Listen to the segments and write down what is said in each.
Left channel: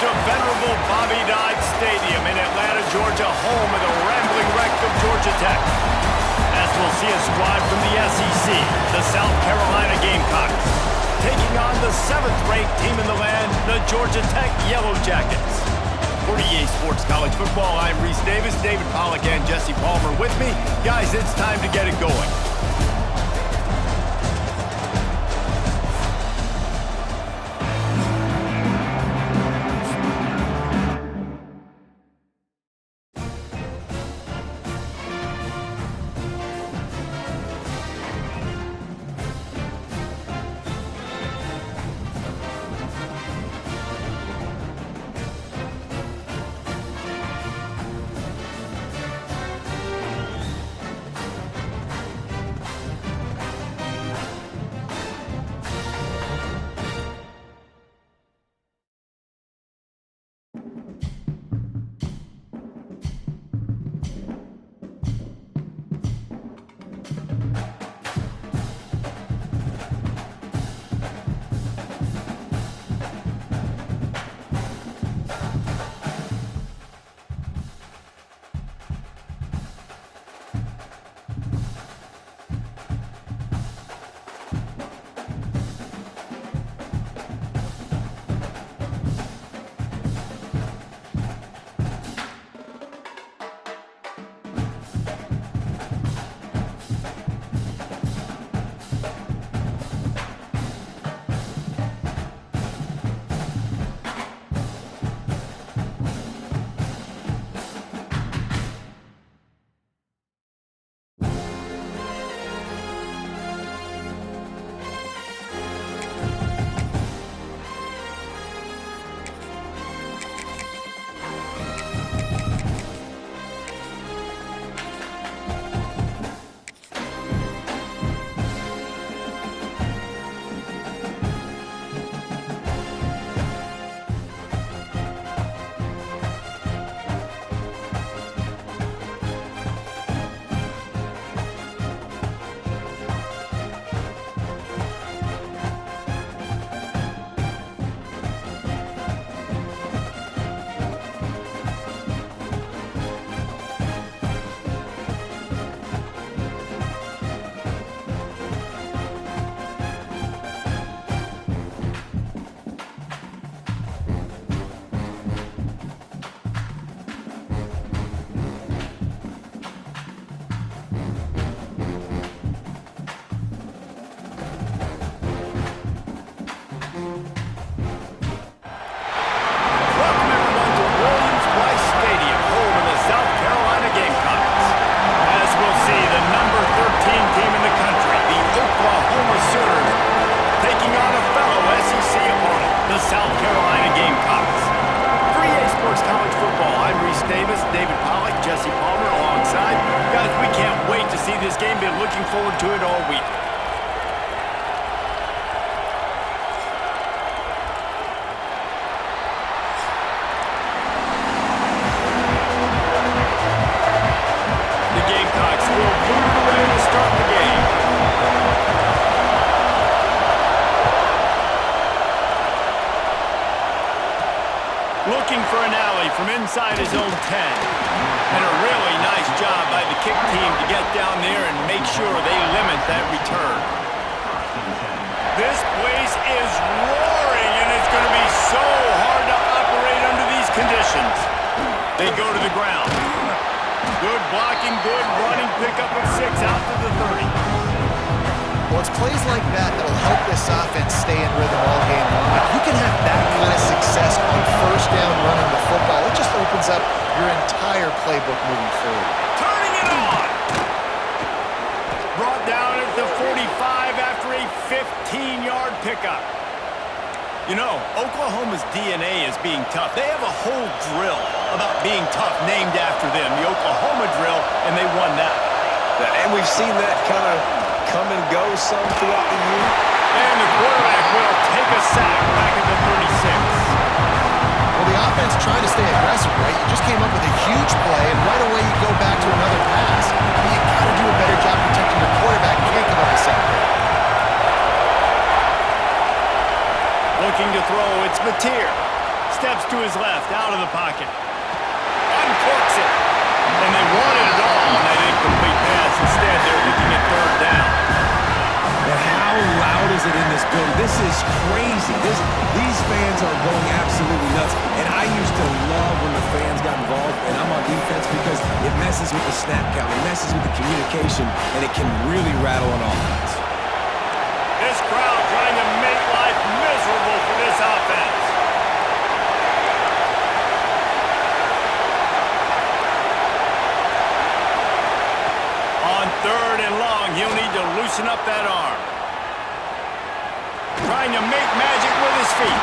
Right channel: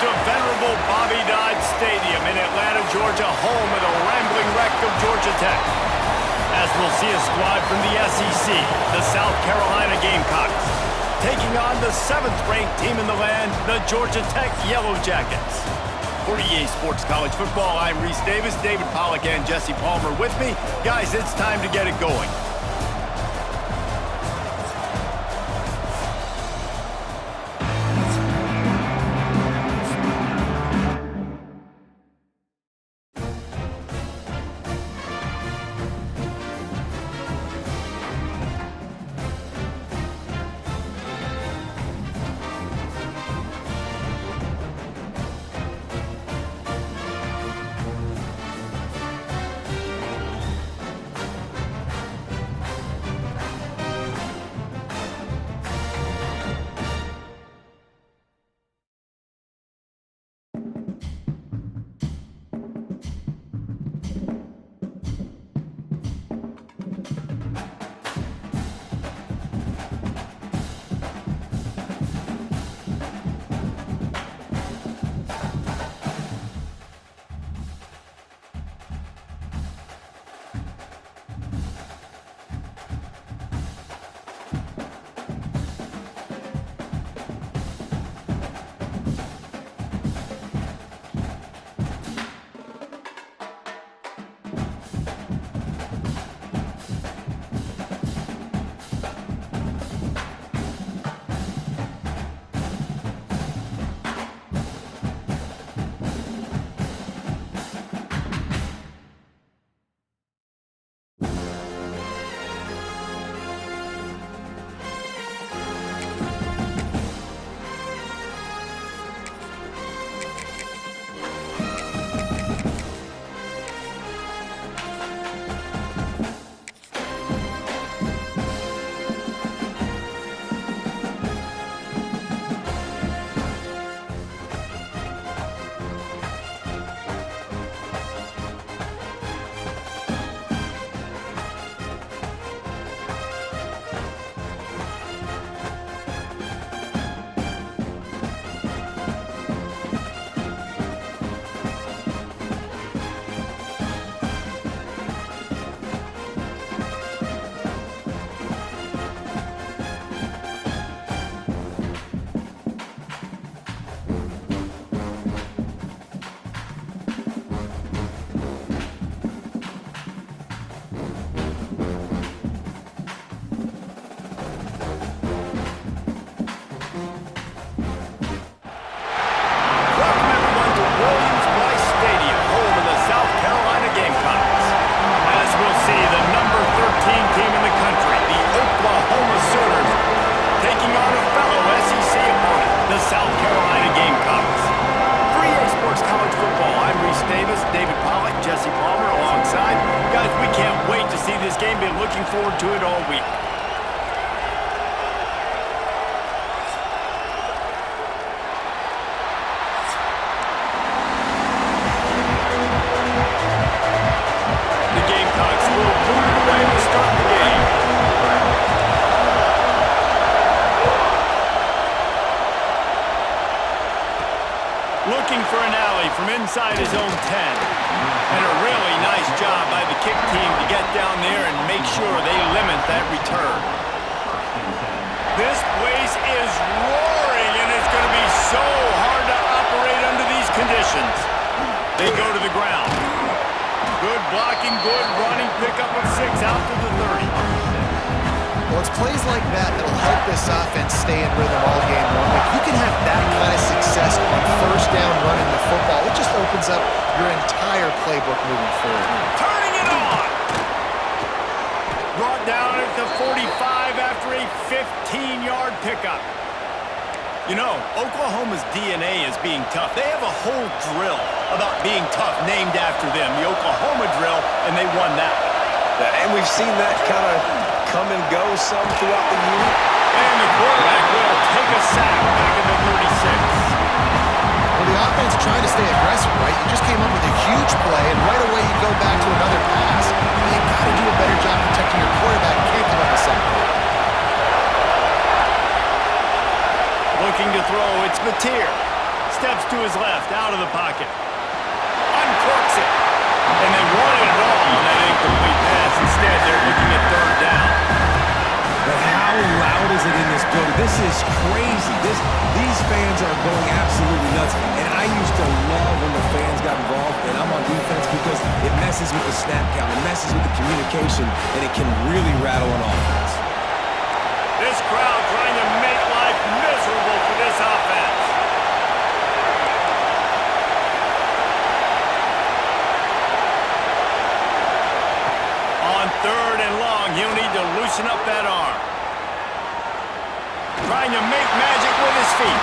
to venerable Bobby Dodd Stadium in Atlanta, Georgia, home of the rambling wreck of Georgia Tech. As we'll see a squad from the SEC, the South Carolina Gamecocks, taking on the 7th-ranked team in the land, the Georgia Tech Yellow Jackets. For EA Sports College Football, I'm Reese Davis, David Pollack, and Jesse Palmer with me. Guys, it's time to get it going. South Carolina Gamecocks. For EA Sports College Football, I'm Reese Davis, David Pollack, Jesse Palmer alongside. Guys, we can't wait to see this game. Been looking forward to it all week. The Gamecocks will boot it away to start the game. Looking for an alley from inside his own 10. And a really nice job by the kick team to get down there and make sure they limit that return. This place is roaring, and it's going to be so hard to operate under these conditions. They go to the ground. Good blocking, good running, pickup of 6 out to the 30. Well, it's plays like that that'll help this offense stay in rhythm all game long. If you can have that kind of success on first down running the football, it just opens up your entire playbook moving forward. Turning it on! Brought down at the 45 after a 15-yard pickup. You know, Oklahoma's DNA is being tough. They have a whole drill about being tough named after them, the Oklahoma drill, and they won that. And we've seen that kind of come and go some throughout the year. And the quarterback will take a sack back at the 36. Well, the offense tried to stay aggressive, right? You just came up with a huge play, and right away you go back to another pass. But you got to do a better job protecting your quarterback. Can't give up a sack. Looking to throw, it's Mateer. steps to his left, out of the pocket. Uncorks it. And they wanted it all on that incomplete pass. Instead, they're looking at third down. But how loud is it in this building? This is crazy. These fans are going absolutely nuts. And I used to love when the fans got involved, and I'm on defense, because it messes with the snap count, it messes with the communication, and it can really rattle an offense. This crowd trying to make life miserable for this offense. On third and long, he'll need to loosen up that arm. Trying to make magic with his feet.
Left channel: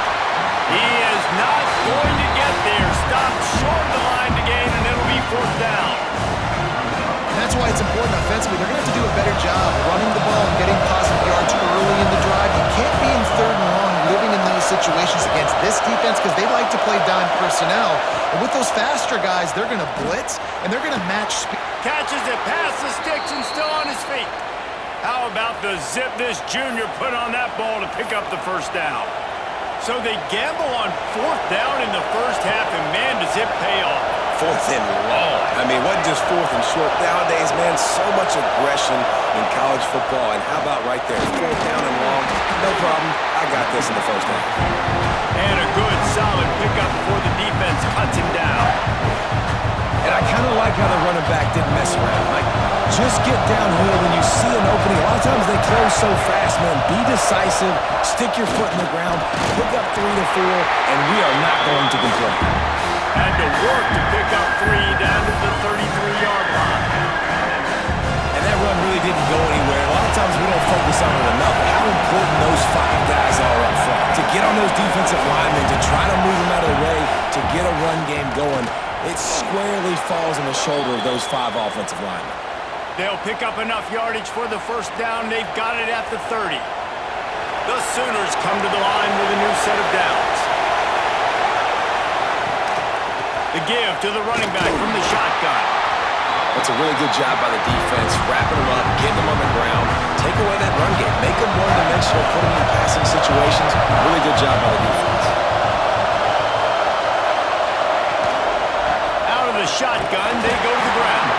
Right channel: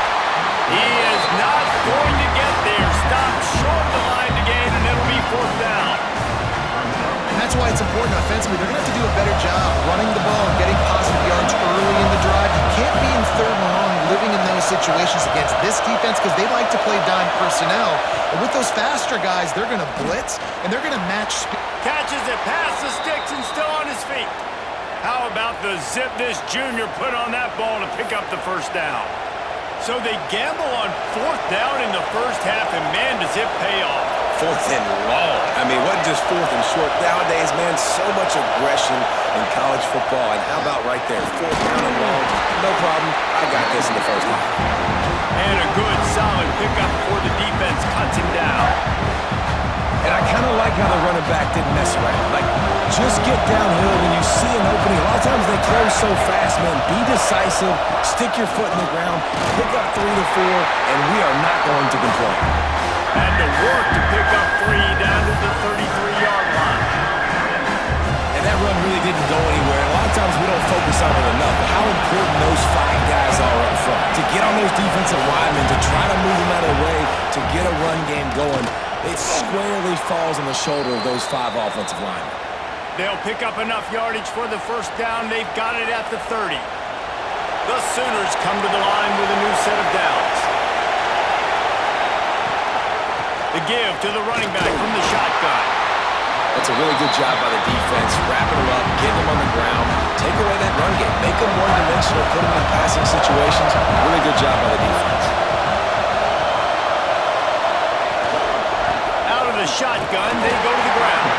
He is not going to get there. Stopped short of the line to gain, and it'll be fourth down. And that's why it's important offensively. They're going to have to do a better job running the ball and getting positive yards early in the drive. You can't be in third and long living in those situations against this defense, because they like to play dime personnel. And with those faster guys, they're going to blitz, and they're going to match speed. Catches it past the sticks and still on his feet. How about the zip this junior put on that ball to pick up the first down? So they gamble on fourth down in the first half, and man, does it pay off. Fourth and long. I mean, what just fourth and short? Nowadays, man, so much aggression in college football. And how about right there? Fourth down and long. No problem. I got this in the first half. And a good, solid pickup before the defense cuts him down. And I kind of like how the running back didn't mess around. Like, just get downhill when you see an opening. A lot of times they close so fast, man. Be decisive. Stick your foot in the ground. Pick up 3 to 4, and we are not going to complain. Had to work to pick up 3 down to the 33-yard line. And that run really didn't go anywhere. A lot of times we don't focus on it enough, but how important those 5 guys are up front. To get on those defensive linemen, to try to move them out of the way, to get a run game going, it squarely falls on the shoulder of those 5 offensive linemen. They'll pick up enough yardage for the first down. They've got it at the 30. The Sooners come to the line with a new set of downs. The give to the running back from the shotgun. That's a really good job by the defense, wrapping them up, getting them on the ground, take away that run game, make them one-dimensional, put them in passing situations. Really good job by the defense. Out of the shotgun, they go to the ground.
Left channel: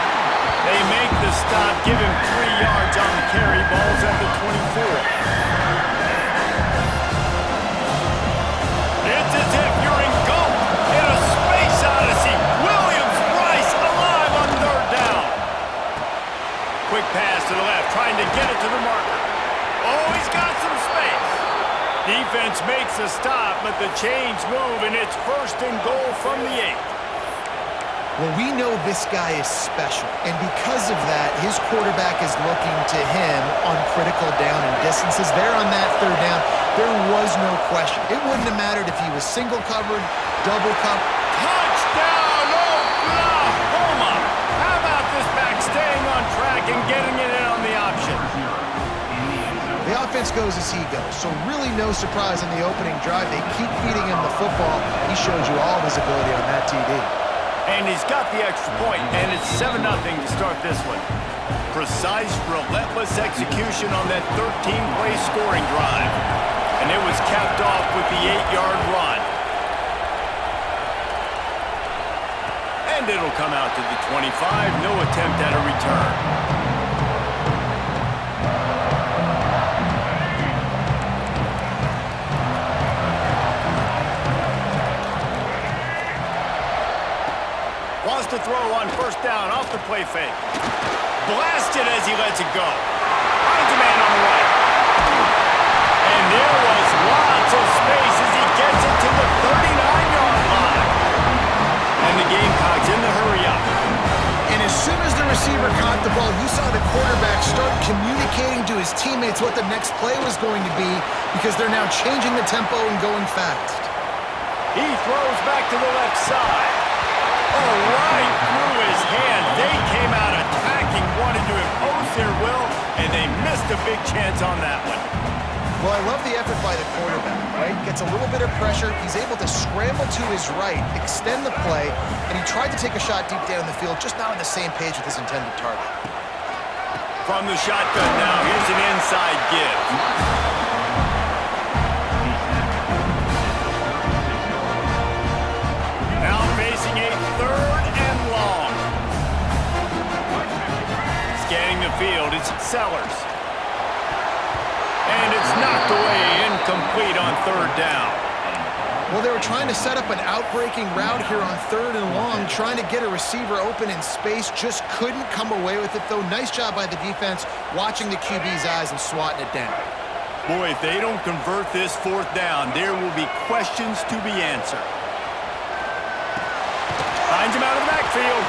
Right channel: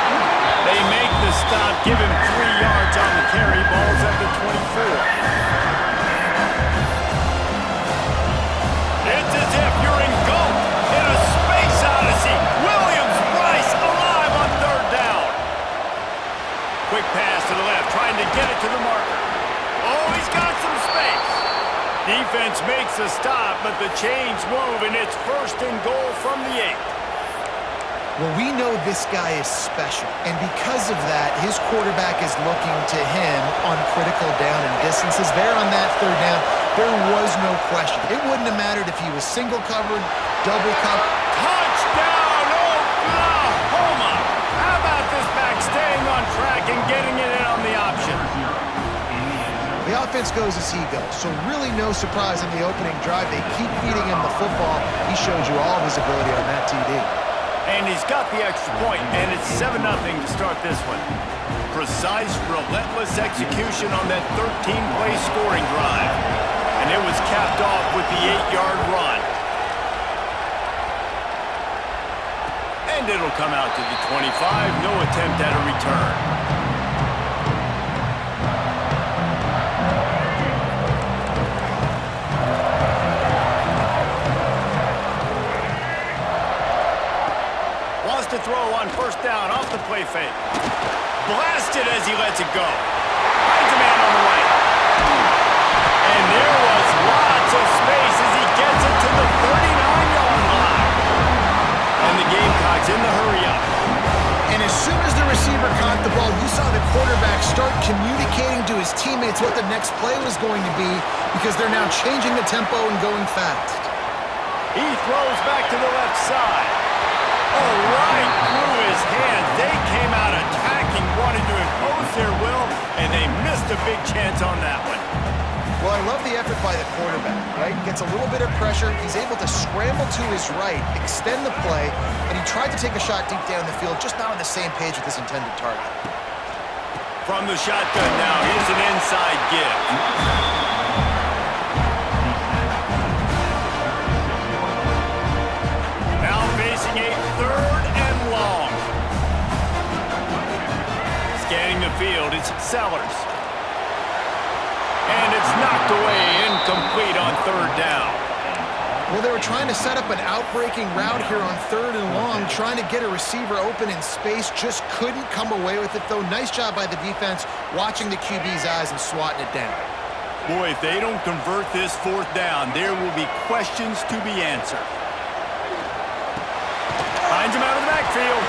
They make the stop, give him 3 yards on the carry. Ball's at the 24. It's as if you're engulfed in a space odyssey. Williams-Brice alive on third down. Quick pass to the left, trying to get it to the marker. Oh, he's got some space. Defense makes a stop, but the chains move, and it's first and goal from the 8. Well, we know this guy is special, and because of that, his quarterback is looking to him on critical down and distances. There on that third down, there was no question. It wouldn't have mattered if he was single covered, double covered. Touchdown, Oklahoma! How about this back staying on track and getting it in on the option? The offense goes as he goes, so really no surprise in the opening drive. They keep feeding him the football. He showed you all of his ability on that TD. And he's got the extra point, and it's 7-0 to start this one. Precise, relentless execution on that 13-play scoring drive. And it was capped off with the 8-yard run. And it'll come out to the 25, no attempt at a return. Wants to throw on first down off the play fake. Blasted as he lets it go. Finds a man on the right. And there was lots of space as he gets it to the 39-yard line. And the Gamecocks in the hurry up. And as soon as the receiver caught the ball, you saw the quarterback start communicating to his teammates what the next play was going to be, because they're now changing the tempo and going fast. He throws back to the left side. Oh, right through his hand. They came out attacking, wanted to impose their will, and they missed a big chance on that one. Well, I love the effort by the quarterback, right? Gets a little bit of pressure. He's able to scramble to his right, extend the play, and he tried to take a shot deep down the field, just not on the same page with his intended target. From the shotgun now, here's an inside give. facing a 3rd and long. Scanning the field, it's Sellers. And it's knocked away, incomplete on 3rd down. Well, they were trying to set up an outbreaking route here on 3rd and long, trying to get a receiver open in space, just couldn't come away with it, though. Nice job by the defense, watching the QB's eyes and swatting it down. Boy, if they don't convert this 4th down, there will be questions to be answered. Finds him out of the backfield.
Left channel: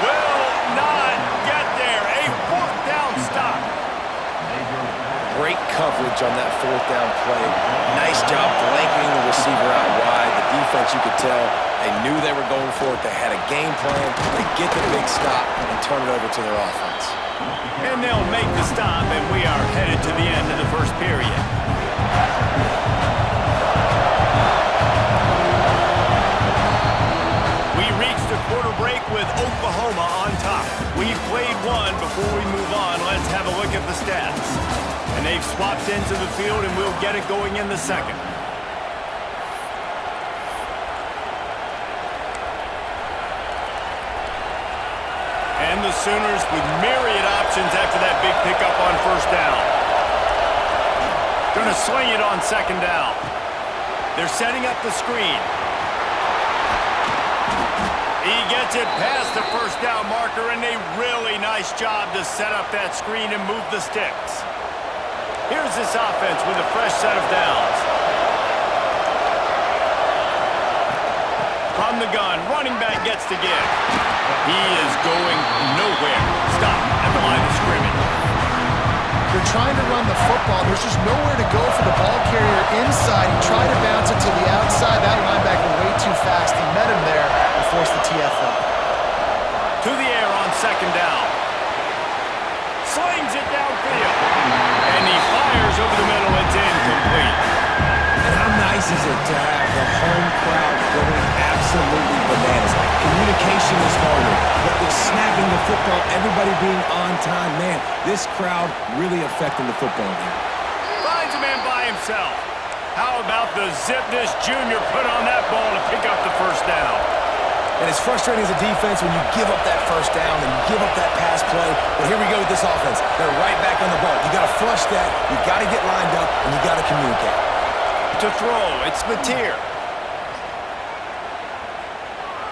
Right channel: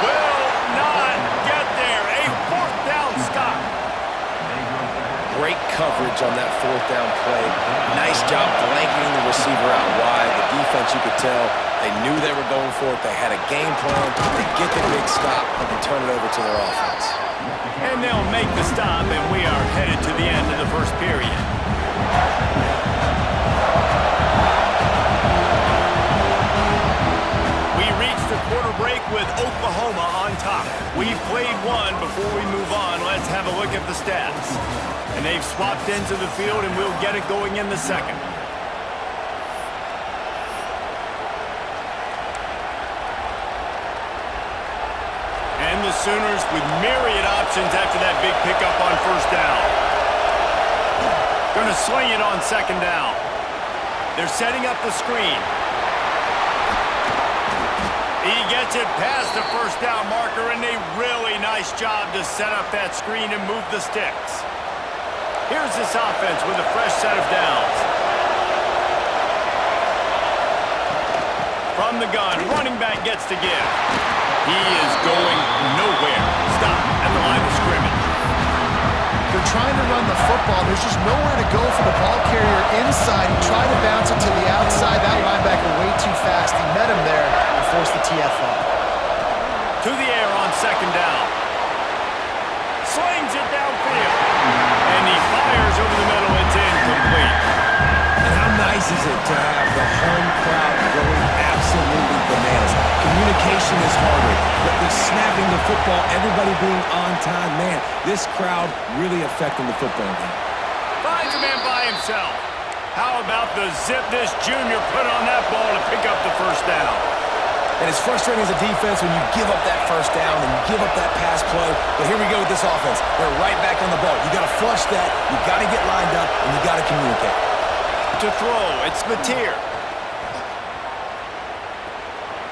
Will not get there. A 4th down stop. Great coverage on that 4th down play. Nice job blanketing the receiver out wide. The defense, you could tell, they knew they were going for it. They had a game plan to get the big stop and turn it over to their offense. And they'll make the stop, and we are headed to the end of the 1st period. We reached a quarter break with Oklahoma on top. We've played one. Before we move on, let's have a look at the stats. And they've swapped into the field, and we'll get it going in the 2nd. And the Sooners with myriad options after that big pickup on 1st down. Gonna sling it on 2nd down. They're setting up the screen. He gets it past the 1st down marker, and a really nice job to set up that screen and move the sticks. Here's this offense with a fresh set of downs. From the gun, running back gets to give. He is going nowhere. Stop at the line of scrimmage. They're trying to run the football. There's just nowhere to go for the ball carrier inside. He tried to bounce it to the outside. That linebacker way too fast. He met him there and forced the TFL. To the air on 2nd down. Slings it downfield. And he fires over the middle. It's incomplete. And how nice is it to have the home crowd going absolutely bananas? Communication is harder, but the snapping the football, everybody being on time, man, this crowd really affecting the football game. Finds a man by himself. How about the zip this junior put on that ball to pick up the 1st down? And it's frustrating as a defense when you give up that 1st down and you give up that pass play. But here we go with this offense. They're right back on the ball. You got to flush that. You got to get lined up, and you got to communicate. To throw, it's Mateer.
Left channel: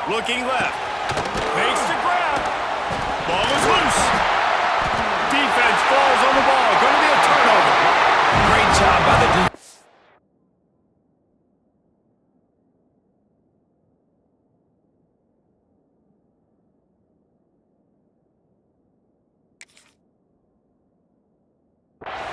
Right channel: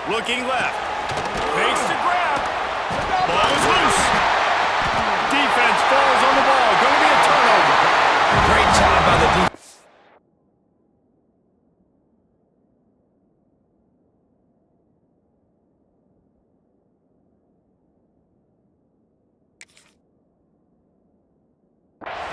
Looking left. Makes the grab. Ball is loose. Defense falls on the ball. Going to be a turnover. Great job by the defense.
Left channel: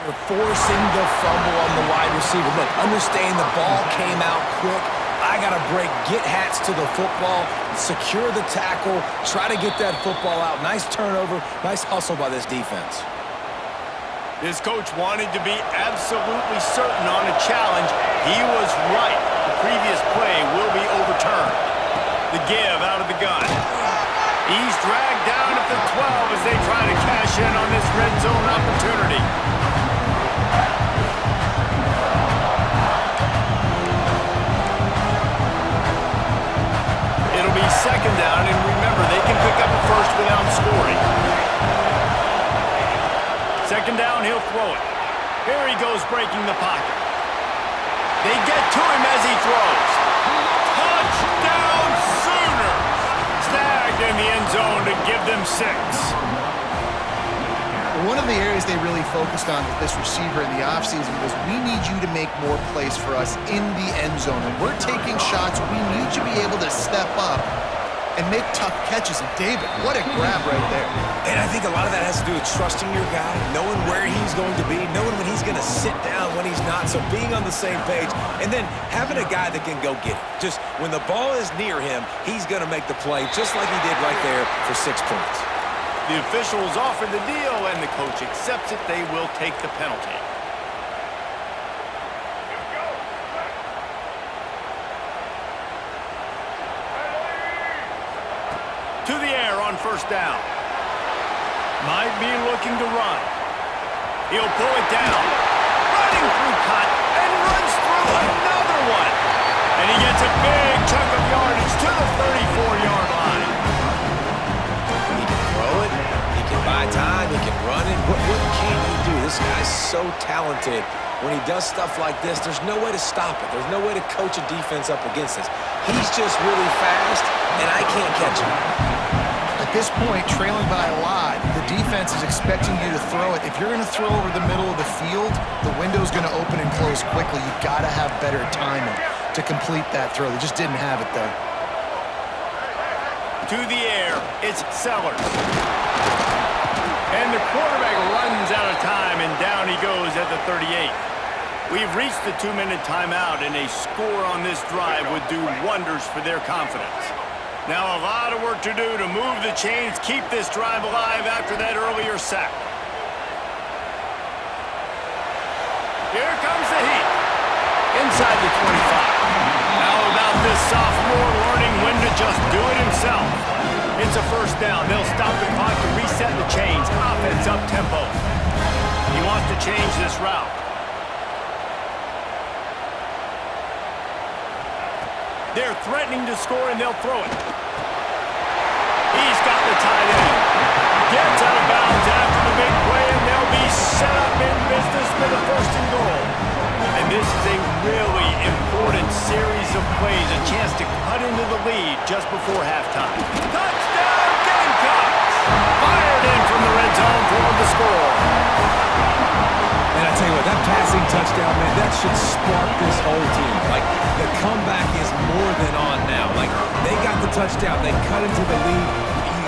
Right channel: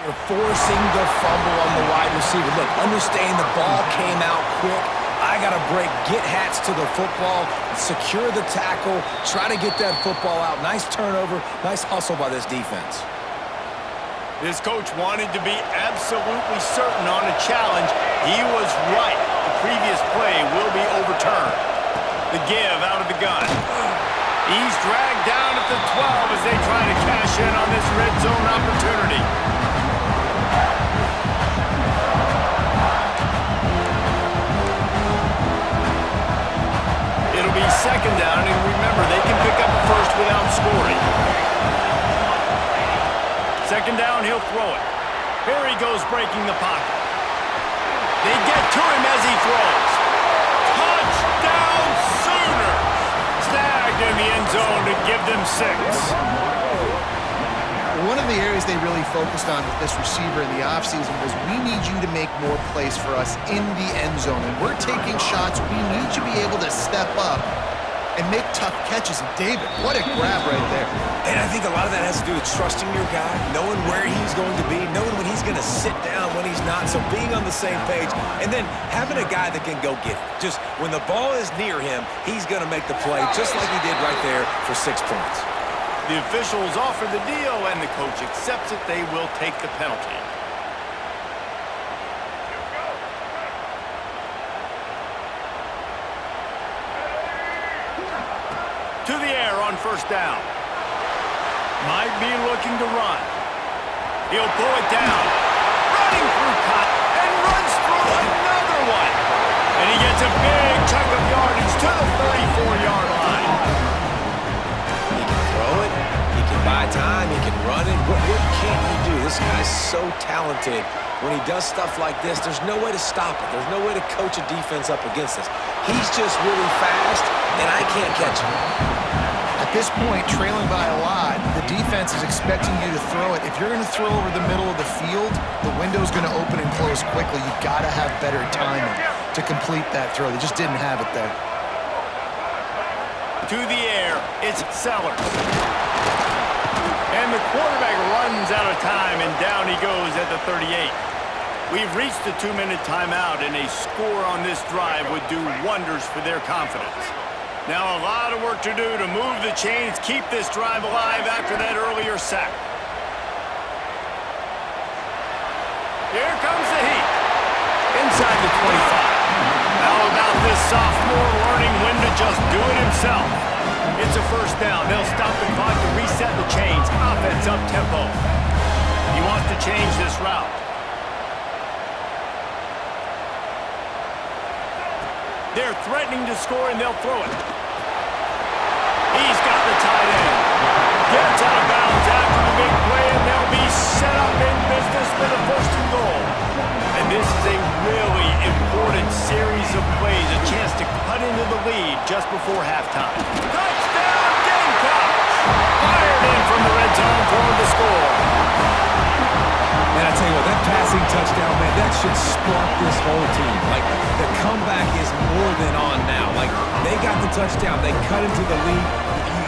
You're forcing the fumble on the wide receiver. Look, understand the ball came out quick. I got to break, get hats to the football, secure the tackle, try to get that football out. Nice turnover, nice hustle by this defense. This coach wanted to be absolutely certain on a challenge. He was right. The previous play will be overturned. The give out of the gun. He's dragged down at the 12 as they try to cash in on this red zone opportunity. It'll be 2nd down, and remember, they can pick up a 1st without scoring. 2nd down, he'll throw it. Here he goes breaking the pocket. They get to him as he throws. Touchdown Sooners! Snagged in the end zone to give them 6. One of the areas they really focused on with this receiver in the offseason was we need you to make more plays for us in the end zone. And we're taking shots. We need you to be able to step up and make tough catches. And David, what a grab right there. And I think a lot of that has to do with trusting your guy, knowing where he's going to be, knowing when he's going to sit down, when he's not. So being on the same page, and then having a guy that can go get it. Just when the ball is near him, he's going to make the play just like he did right there for 6 points. The officials offer the deal, and the coach accepts it. They will take the penalty. To the air on 1st down. Might be looking to run. He'll pull it down. Running through cut and runs through another one. And he gets a big chunk of yardage to the 34-yard buy time. He can run it. What can't he do? This guy's so talented. When he does stuff like this, there's no way to stop it. There's no way to coach a defense up against this. He's just really fast, and I can't catch him. At this point, trailing by a lot, the defense is expecting you to throw it. If you're going to throw over the middle of the field, the window's going to open and close quickly. You got to have better timing to complete that throw. They just didn't have it there. To the air, it's Sellers. And the quarterback runs out of time, and down he goes at the 38. We've reached the 2-minute timeout, and a score on this drive would do wonders for their confidence. Now a lot of work to do to move the chains, keep this drive alive after that earlier sack. Here comes the heat. Inside the 25. How about this sophomore learning when to just do it himself? It's a first down. They'll stop the clock to reset the chains. Offense up tempo. He wants to change this route. They're threatening to score, and they'll throw it. He's got the tight end. Gets out of bounds after the big play, and they'll be set up in business for the 1st and goal. And this is a really important series of plays, a chance to cut into the lead just before halftime. Touchdown, Gamecocks! Fired in from the red zone for the score. Man, I tell you what, that passing touchdown, man, that should spark this whole team. Like, the comeback is more than on now. Like, they got the touchdown. They cut into the lead.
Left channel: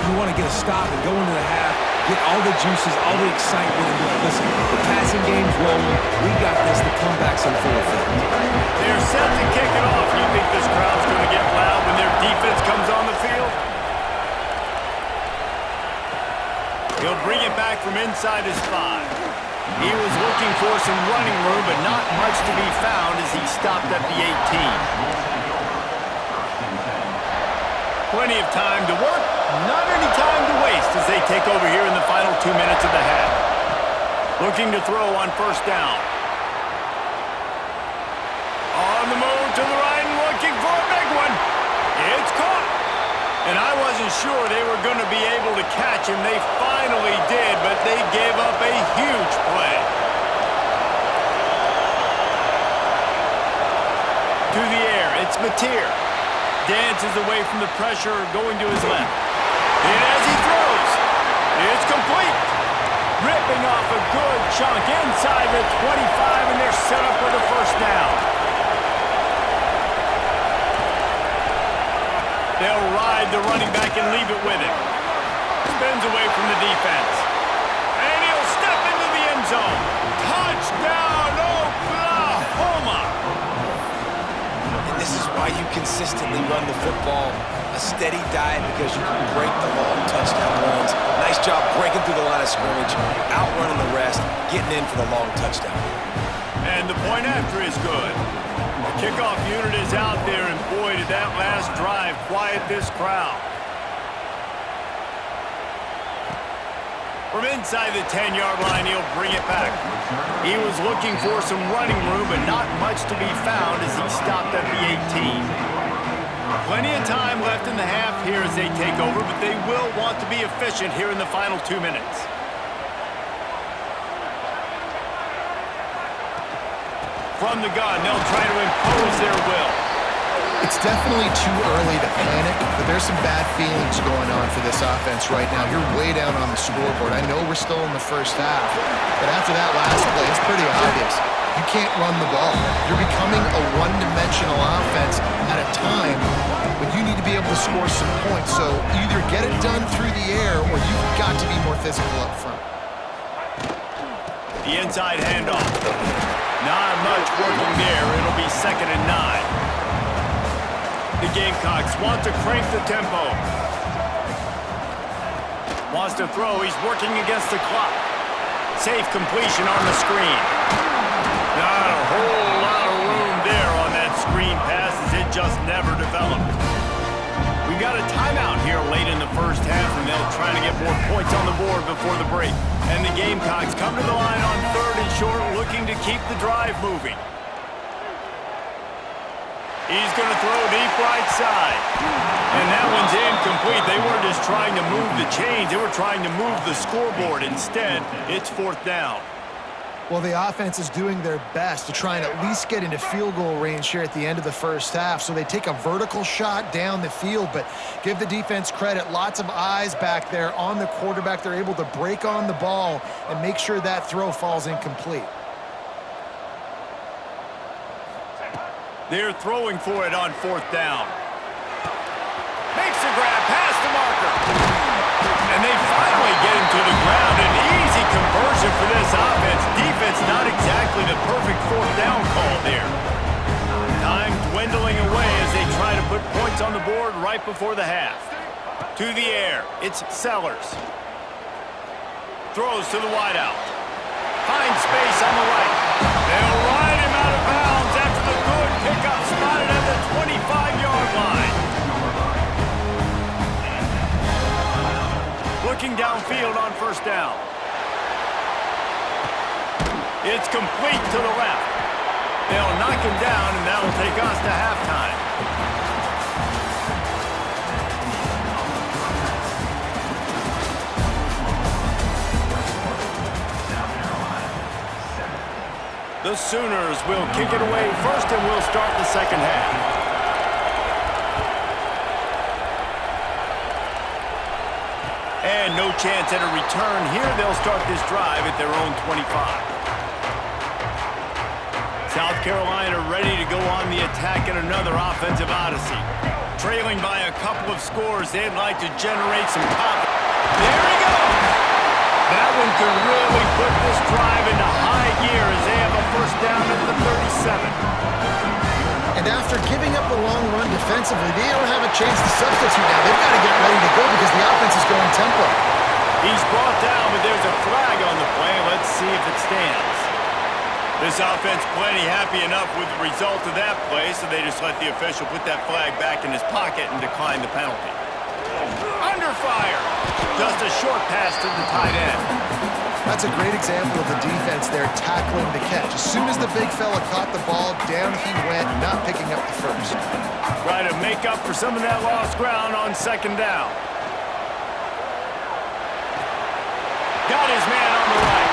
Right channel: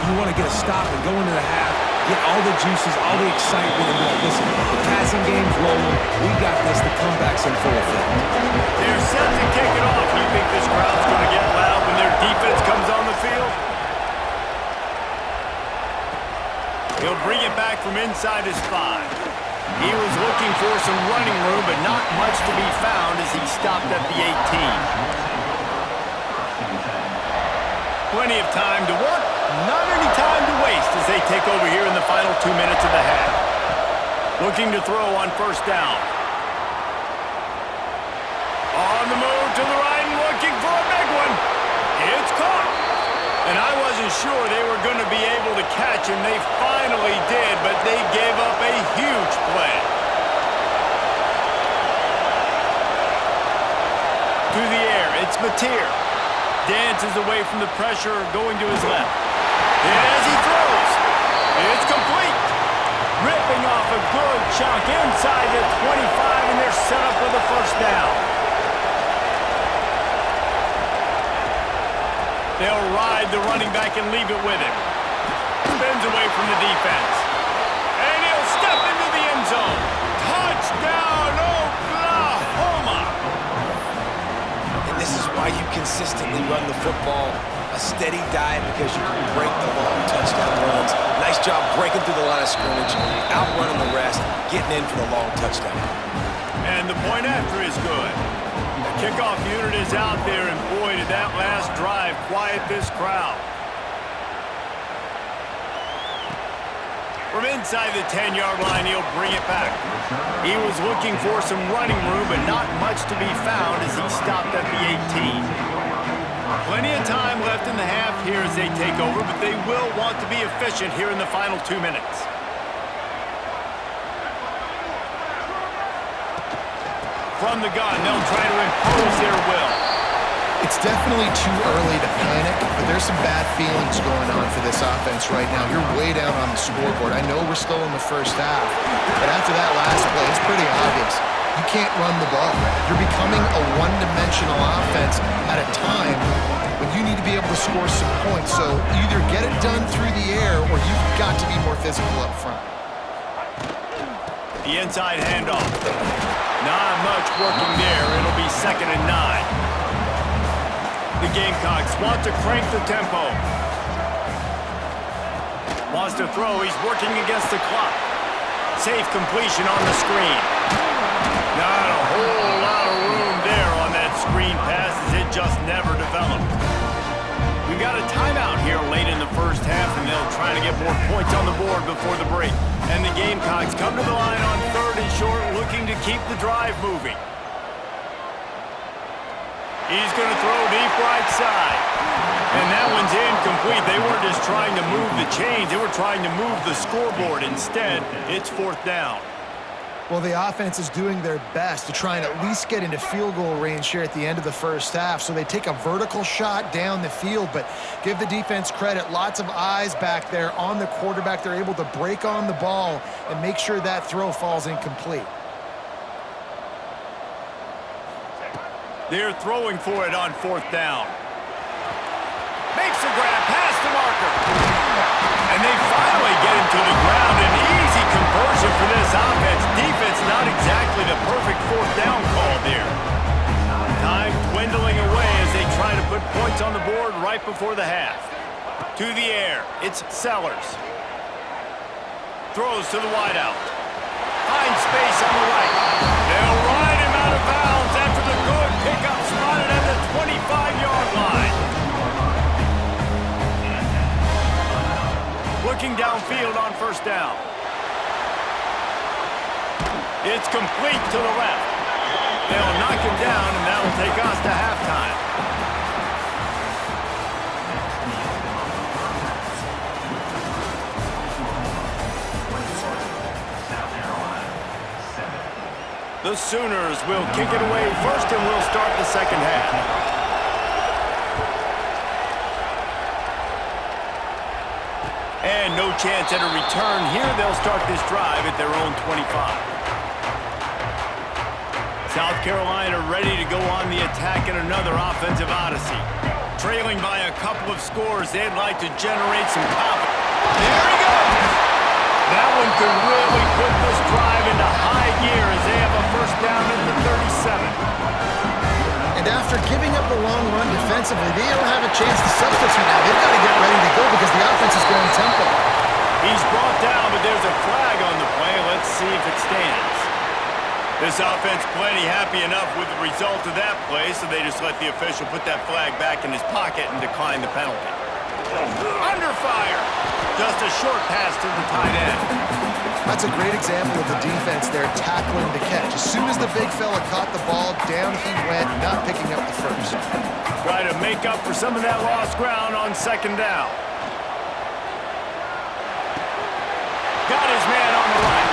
You want to get a stop and go into the half, get all the juices, all the excitement, and be like, listen, the passing game's rolling. We got this. The comeback's in full effect. They're set to kick it off. You think this crowd's going to get loud when their defense comes on the field? He'll bring it back from inside his 5. He was looking for some running room, but not much to be found as he stopped at the 18. Plenty of time to work, not any time to waste as they take over here in the final 2 minutes of the half. Looking to throw on first down. On the move to the right and looking for a big one. It's caught. And I wasn't sure they were going to be able to catch him. They finally did, but they gave up a huge play. To the air, it's Mateer. Dances away from the pressure, going to his left. And as he throws, it's complete. Ripping off a good chunk inside the 25, and they're set up with a first down. They'll ride the running back and leave it with him. Spins away from the defense. And he'll step into the end zone. Touchdown, Oklahoma! And this is why you consistently run the football. A steady diet because you can break the long touchdown runs. Nice job breaking through the line of scrimmage, outrunning the rest, getting in for the long touchdown. And the point after is good. The kickoff unit is out there, and boy, did that last drive quiet this crowd. From inside the 10-yard line, he'll bring it back. He was looking for some running room, but not much to be found as he stopped at the 18. Plenty of time left in the half here as they take over, but they will want to be efficient here in the final 2 minutes. From the gun, they'll try to impose their will. It's definitely too early to panic, but there's some bad feelings going on for this offense right now. You're way down on the scoreboard. I know we're still in the first half, but after that last play, it's pretty obvious. You can't run the ball. You're becoming a one-dimensional offense at a time when you need to be able to score some points. So either get it done through the air or you've got to be more physical up front. The inside handoff. Not much working there. It'll be 2nd and 9. The Gamecocks want to crank the tempo. Wants to throw. He's working against the clock. Safe completion on the screen. Not a whole lot of room there on that screen pass as it just never developed. We've got a timeout here late in the first half, and they'll try to get more points on the board before the break. And the Gamecocks come to the line on 3rd and short, looking to keep the drive moving. He's going to throw deep right side. And that one's incomplete. They weren't just trying to move the chains. They were trying to move the scoreboard. Instead, it's 4th down. Well, the offense is doing their best to try and at least get into field goal range here at the end of the first half. So they take a vertical shot down the field, but give the defense credit. Lots of eyes back there on the quarterback. They're able to break on the ball and make sure that throw falls incomplete. They're throwing for it on 4th down. Makes the grab past the marker. And they finally get him to the ground. An easy conversion for this offense. Defense not exactly the perfect 4th down call there. Time dwindling away as they try to put points on the board right before the half. To the air, it's Sellers. Throws to the wideout. Finds space on the right. They'll ride him out of bounds after the good pickup spotted at the 25-yard line. Looking downfield on 1st down. It's complete to the left. They'll knock him down, and that'll take us to halftime. The Sooners will kick it away first, and we'll start the second half. And no chance at a return here. They'll start this drive at their own 25. South Carolina ready to go on the attack in another offensive odyssey. Trailing by a couple of scores, they'd like to generate some confidence. There he goes! That one could really put this drive into high gear as they have a 1st down at the 37. And after giving up the long run defensively, they don't have a chance to substitute now. They've got to get ready to go because the offense is going tempo. He's brought down, but there's a flag on the play. Let's see if it stands. This offense plenty happy enough with the result of that play, so they just let the official put that flag back in his pocket and decline the penalty. Under fire. Just a short pass to the tight end. That's a great example of the defense there tackling the catch. As soon as the big fella caught the ball, down he went, not picking up the first. Try to make up for some of that lost ground on 2nd down. Got his man on the right.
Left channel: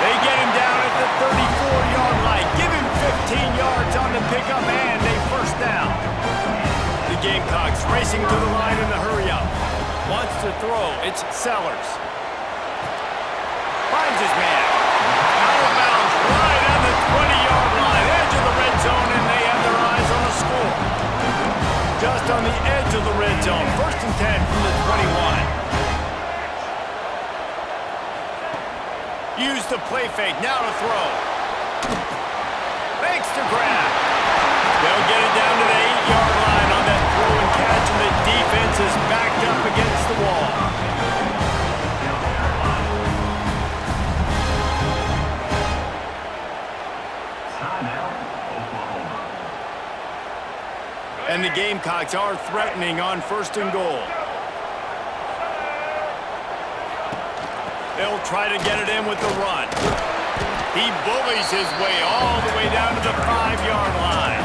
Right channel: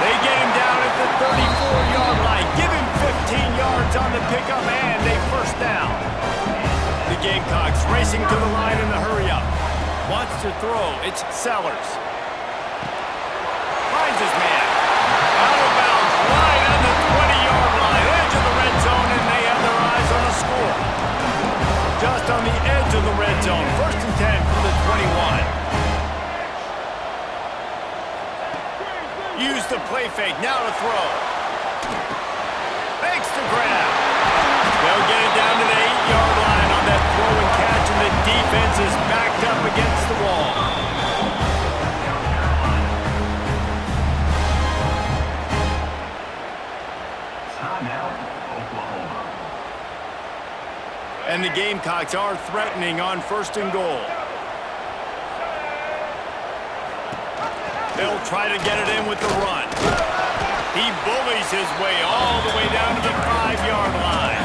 They get him down at the 34-yard line. Give him 15 yards on the pickup and a 1st down. The Gamecocks racing to the line in the hurry-up. Wants to throw. It's Sellers. Finds his man. Out of bounds, right on the 20-yard line. Edge of the red zone, and they have their eyes on a score. Just on the edge of the red zone. 1st and 10 from the 21. Use the play fake. Now to throw. Makes the grab. They'll get it down to the 8-yard line on that throw and catch, and the defense is backed up against the wall. And the Gamecocks are threatening on 1st and goal. They'll try to get it in with the run. He bullies his way all the way down to the 5-yard line.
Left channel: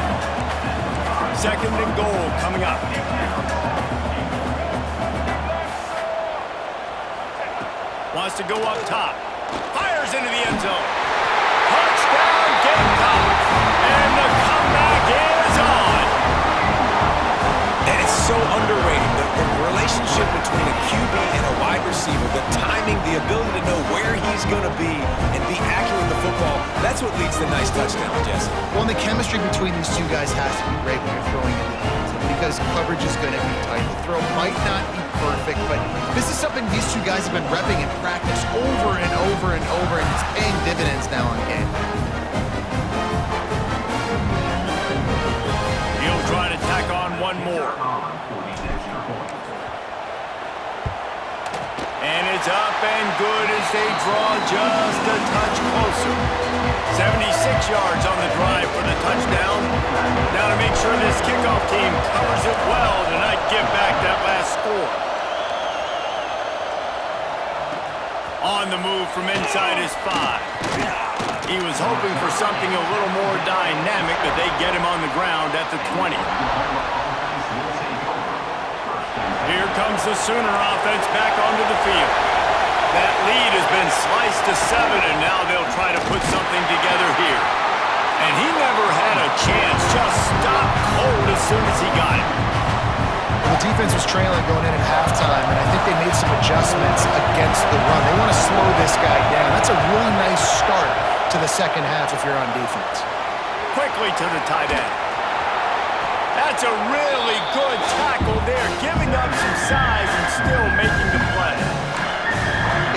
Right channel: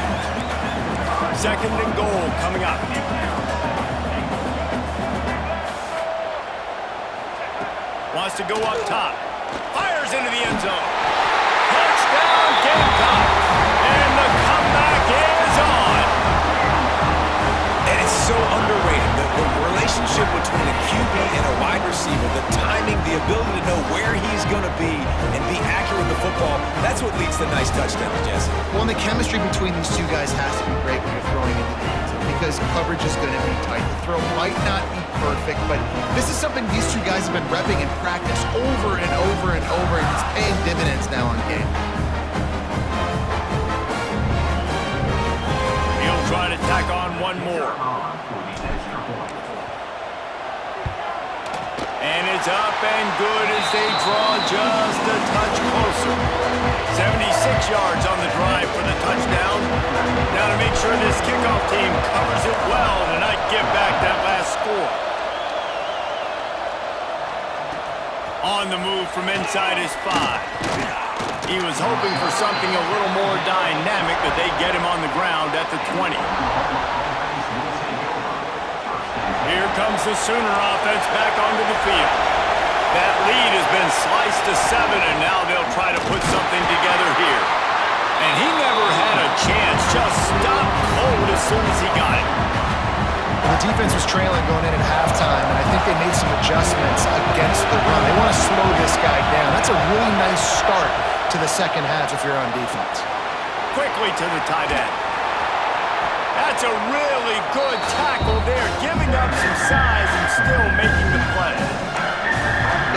2nd and goal coming up. Wants to go up top. Fires into the end zone. Touchdown Gamecocks. And the comeback is on. And it's so underrated. The relationship between a QB and a wide receiver, the timing, the ability to know where he's going to be and be accurate with the football, that's what leads to nice touchdowns, Jesse. Well, and the chemistry between these two guys has to be great when you're throwing into the end zone because coverage is going to be tight. The throw might not be perfect, but this is something these two guys have been repping in practice over and over and over, and it's paying dividends now on game. He'll try to tack on one more. And it's up and good as they draw just a touch closer. 76 yards on the drive for the touchdown. Now to make sure this kickoff team covers it well to not give back that last score. On the move from inside his 5. He was hoping for something a little more dynamic, but they get him on the ground at the 20. Here comes the Sooner offense back onto the field. That lead has been sliced to 7, and now they'll try to put something together here. And he never had a chance, just stopped cold as soon as he got it. Well, the defense was trailing going in at halftime, and I think they made some adjustments against the run. They want to slow this guy down. That's a really nice start to the second half if you're on defense. Quickly to the tight end. That's a really good tackle there, giving up some size and still making the play.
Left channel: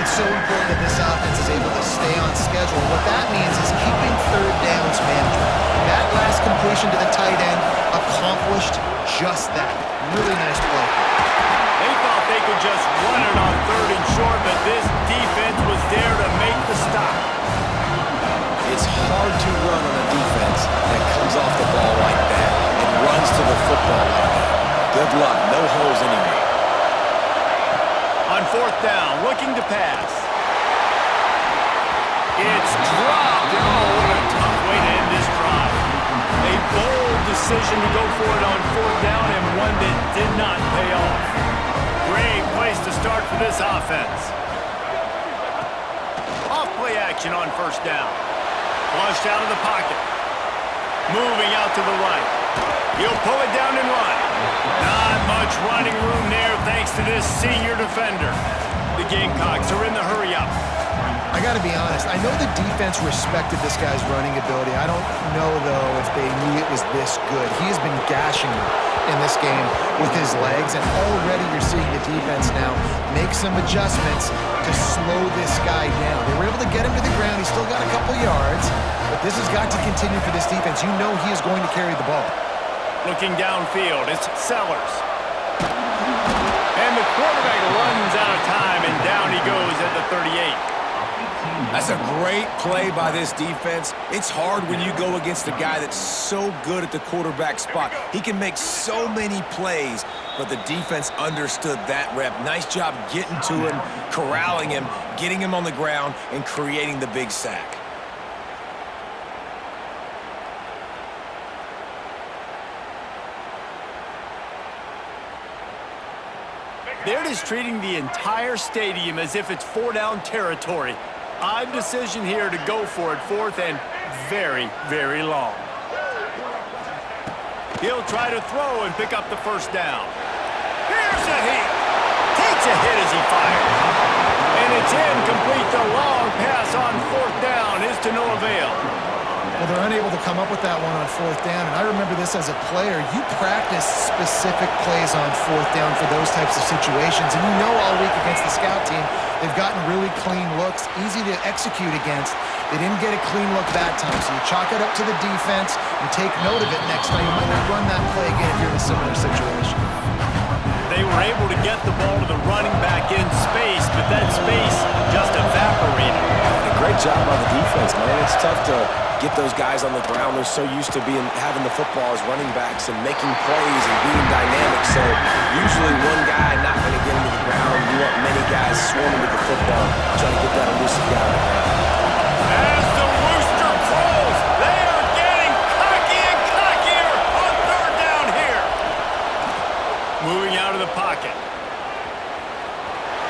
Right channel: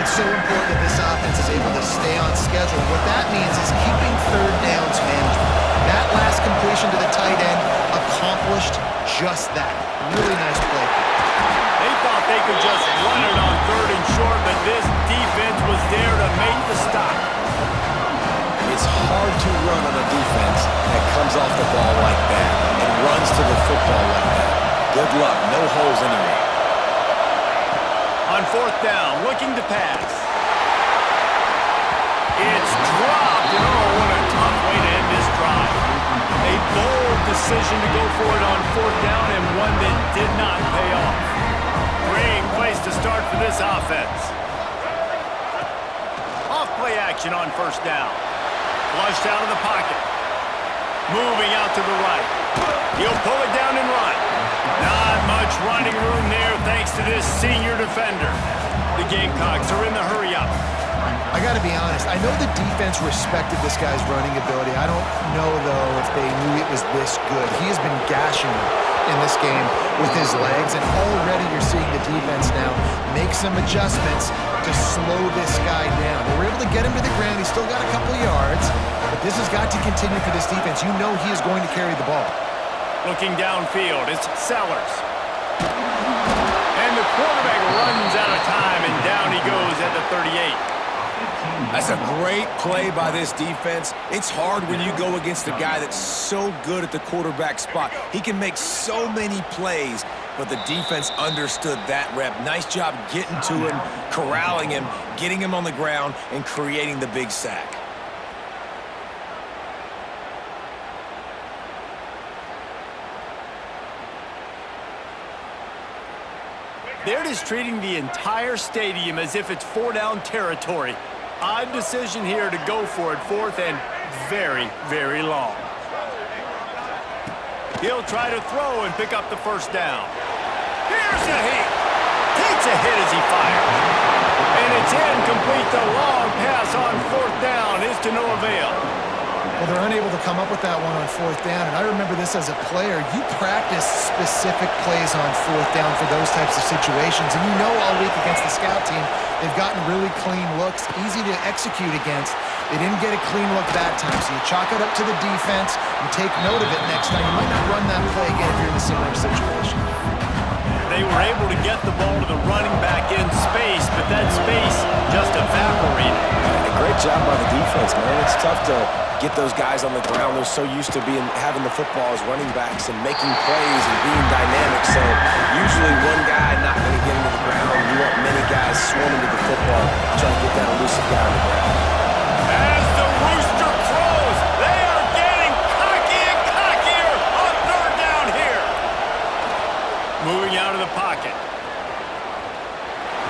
It's so important that this offense is able to stay on schedule. What that means is keeping third downs management. That last completion to the tight end accomplished just that. Really nice play. They thought they could just run it on 3rd and short, but this defense was there to make the stop. It's hard to run on a defense that comes off the ball like that and runs to the football like that. Good luck. No holes anywhere. On 4th down, looking to pass. It's dropped, and oh, what a tough way to end this drive. A bold decision to go for it on 4th down, and one that did not pay off. Great place to start for this offense. Off play action on 1st down. Flushed out of the pocket. Moving out to the right. He'll pull it down and run. Not much running room there thanks to this senior defender. The Gamecocks are in the hurry-up. I got to be honest. I know the defense respected this guy's running ability. I don't know, though, if they knew it was this good. He has been gashing them in this game with his legs, and already you're seeing the defense now make some adjustments to slow this guy down. They were able to get him to the ground. He's still got a couple yards, but this has got to continue for this defense. You know he is going to carry the ball. Looking downfield, it's Sellers. And the quarterback runs out of time, and down he goes at the 38. That's a great play by this defense. It's hard when you go against a guy that's so good at the quarterback spot. He can make so many plays, but the defense understood that rep. Nice job getting to him, corralling him, getting him on the ground, and creating the big sack. They're just treating the entire stadium as if it's 4-down territory. Odd decision here to go for it 4th and very, very long. He'll try to throw and pick up the 1st down. Here's a hit. Takes a hit as he fires. And it's incomplete. The long pass on 4th down is to no avail. Well, they're unable to come up with that one on 4th down, and I remember this as a player. You practice specific plays on 4th down for those types of situations, and you know all week against the scout team, they've gotten really clean looks, easy to execute against. They didn't get a clean look that time, so you chalk it up to the defense and take note of it next time. You might not run that play again if you're in a similar situation. They were able to get the ball to the running back in space, but that space just evaporated. A great job by the defense, man. It's tough to get those guys on the ground. They're so used to having the football as running backs and making plays and being dynamic. So usually one guy not going to get into the ground. You want many guys swarming to the football, trying to get that elusive guy on the ground. As the rooster crows, they are getting cocky and cockier on 3rd down here. Moving out of the pocket.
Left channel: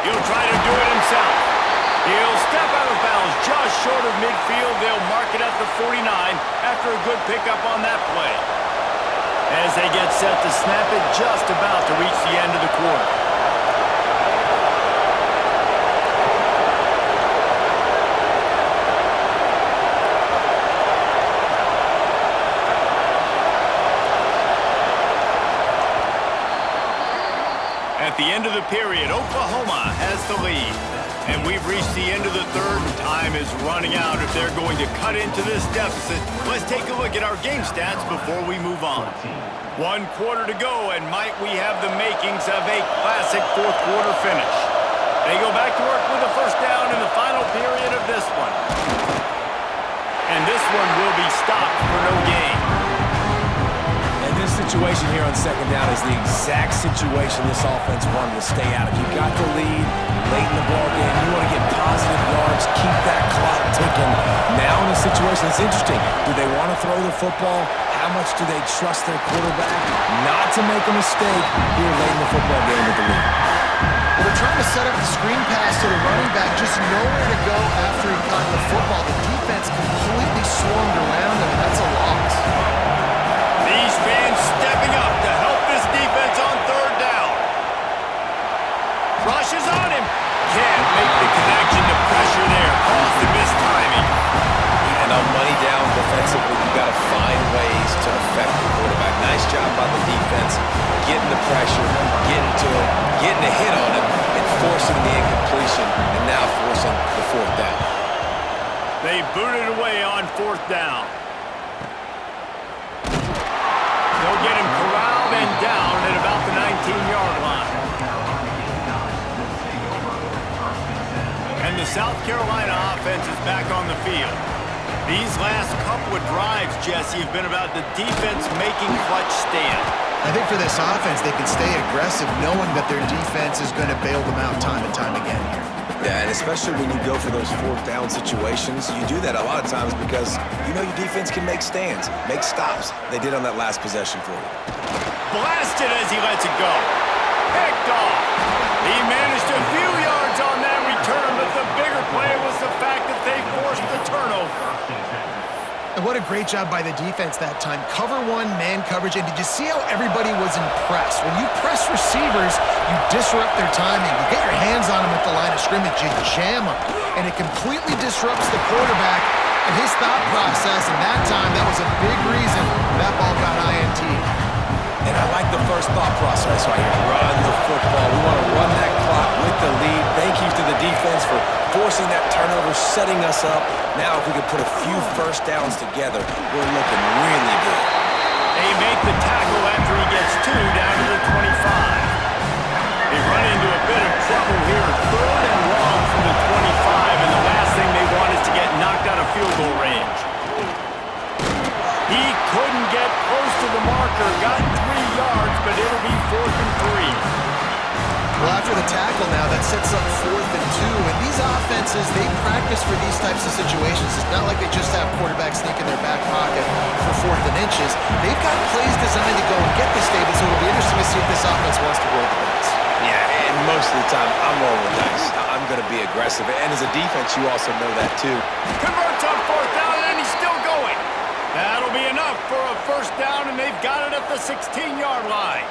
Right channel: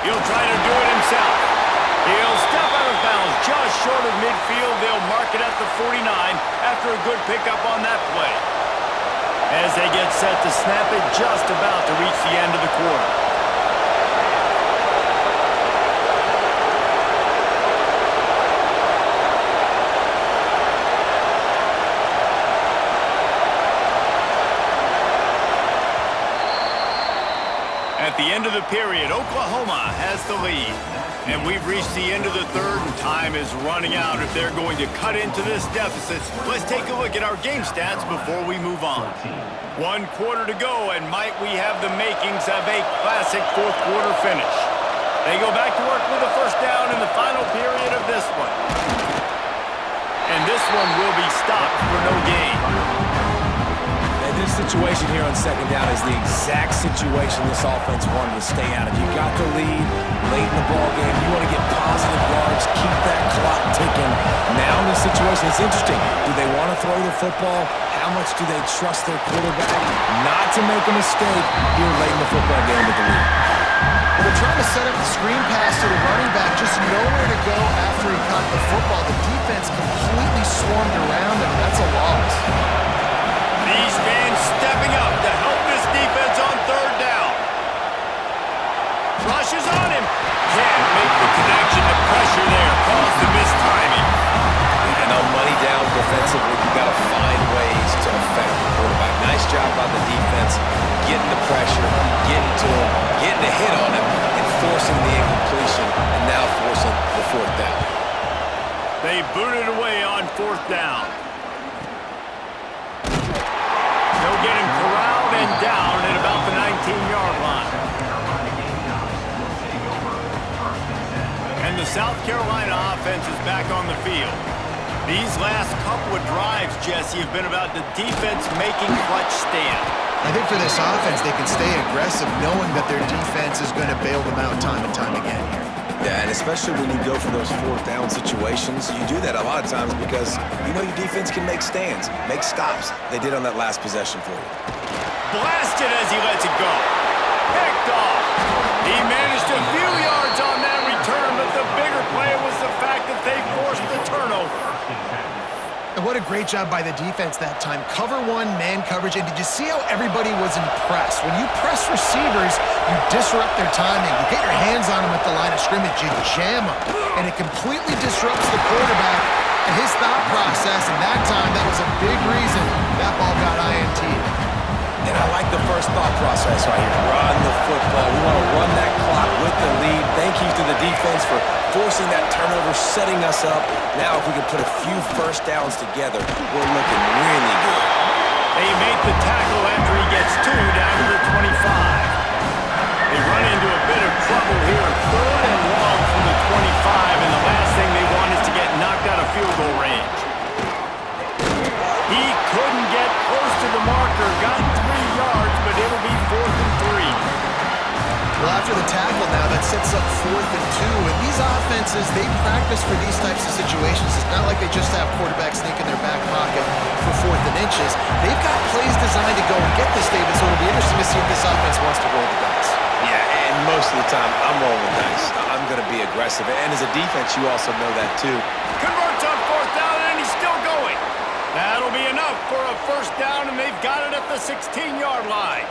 He'll try to do it himself. He'll step out of bounds just short of midfield. They'll mark it at the 49 after a good pickup on that play. As they get set to snap it, just about to reach the end of the quarter. At the end of the period, Oklahoma has the lead. And we've reached the end of the 3rd, and time is running out if they're going to cut into this deficit. Let's take a look at our game stats before we move on. 1 quarter to go, and might we have the makings of a classic 4th quarter finish. They go back to work with the 1st down in the final period of this one. And this one will be stopped for no gain. And this situation here on second down is the exact situation this offense wanted to stay out of. You got the lead late in the ball game. You want to get positive yards, keep that clock ticking. Now in this situation, it's interesting. Do they want to throw the football? How much do they trust their quarterback not to make a mistake here late in the football game with the lead? Well, they're trying to set up the screen pass to the running back, just nowhere to go after he caught the football. The defense completely swarmed around him, and that's a loss. These fans stepping up to help this defense on third down. Rushes on him. Can't make the connection. The pressure there caused the mistiming. And on money down defensively, you got to find ways to affect the quarterback. Nice job by the defense, getting the pressure, getting to him, getting a hit on him, and forcing the incompletion, and now forcing the fourth down. They booted away on fourth down. They'll get him corralled and down at about the 19-yard line. And the South Carolina offense is back on the field. These last couple of drives, Jesse, have been about the defense making clutch stand. I think for this offense, they can stay aggressive knowing that their defense is going to bail them out time and time again here. Yeah, and especially when you go for those fourth down situations, you do that a lot of times because you know your defense can make stands, make stops. They did on that last possession for you. Blasted as he lets it go. Picked off. He managed a few yards on that return, but the bigger play was the fact that they forced the turnover. And what a great job by the defense that time. Cover one, man coverage, and did you see how everybody was impressed? When you press receivers, you disrupt their timing. You get your hands on them at the line of scrimmage, you jam them, and it completely disrupts the quarterback and his thought process, and that time, that was a big reason that ball got INT'd. And I like the first thought process right here. Run the football. We want to run that clock with the lead. Thank you to the defense for forcing that turnover, setting us up. Now, if we can put a few first downs together, we're looking really good. They make the tackle after he gets two down to the 25. They run into a bit of trouble here. Third and long from the 25, and the last thing they want is to get knocked out of field goal range. He couldn't get close to the marker, got 3 yards, but it'll be 4th and 3. Well, after the tackle now, that sets up 4th and 2. And these offenses, they practice for these types of situations. It's not like they just have quarterbacks sneak in their back pocket for 4th and inches. They've got plays designed to go and get this, David, so it'll be interesting to see if this offense wants to roll the dice. Yeah, and most of the time, I'm rolling the dice. I'm going to be aggressive. And as a defense, you also know that, too. Converts on 4th down, and he's still going. That'll be enough for a first down, and they've got it at the 16-yard line.